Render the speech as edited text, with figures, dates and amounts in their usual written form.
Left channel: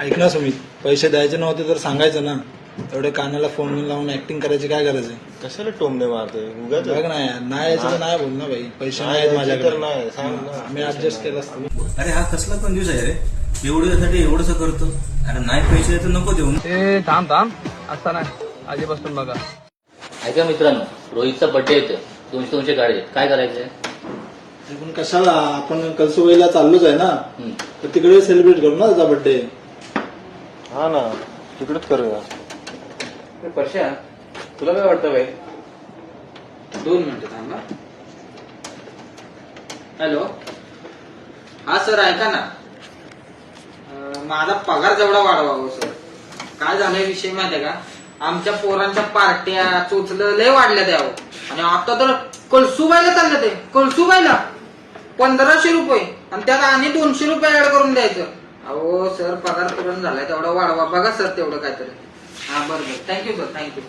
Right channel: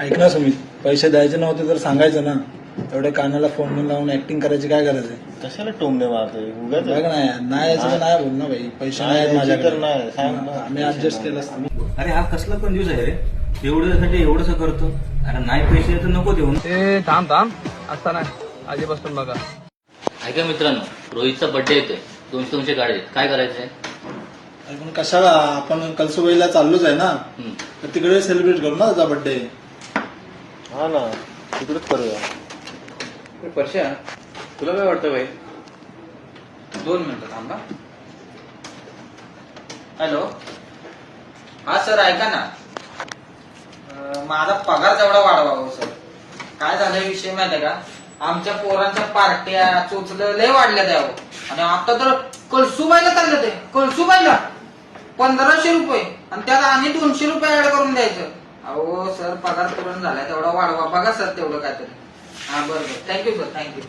ऐक ना सुमित, पैसे द्यायचे नव्हते तर सांगायचं ना. एवढे कानाला फोन लावून ऍक्टिंग करायची काय गरज आहे? कशाला टोमणे मारतोय उगाच बघ ना, नाही यायचं तर नाही बोल ना भाई. पैसे नाही आहेत माझ्याकडे. नाही, सांग ना. आम्ही ऍडजस्ट केलं असतं. अरे हा कसला पण दिवस आहे रे, एवढ्यासाठी एवढंसं करतो. अरे नाही पैसे तर नको देऊ. ते थांब असता नाही आधीपासून बघा. ऐका मित्रांनो, रोहितचा बर्थडे येतोय. 200 गाडी काय करायचंय? पण कशाला, आपण कलसुबाईला चाललोच आहे ना, तर तिकडे सेलिब्रेट करू ना त्याचा बर्थडे. हा ना, तिकडेच करूया. परश्या, तुला काय वाटतं भाई? 2 मिनिटं थांबा. हॅलो, हा सर ऐका ना, माझा पगार जेवढा वाढवा हो सर. काय झालंय विषय माहितीये का, आमच्या पोरांच्या पार्ट्या चोचलं लय वाढल्या द्यावं. आणि आता तर कळसुबाईला चाललं ते, कळसुबाईला 1500 रुपये आणि त्यात आणि 200 रुपये ऍड करून द्यायचं. अहो सर, पगार करून झालाय तेवढा वाढवा बघा सर, तेवढं काहीतरी. हा बरं, थँक्यू सर, थँक्यू.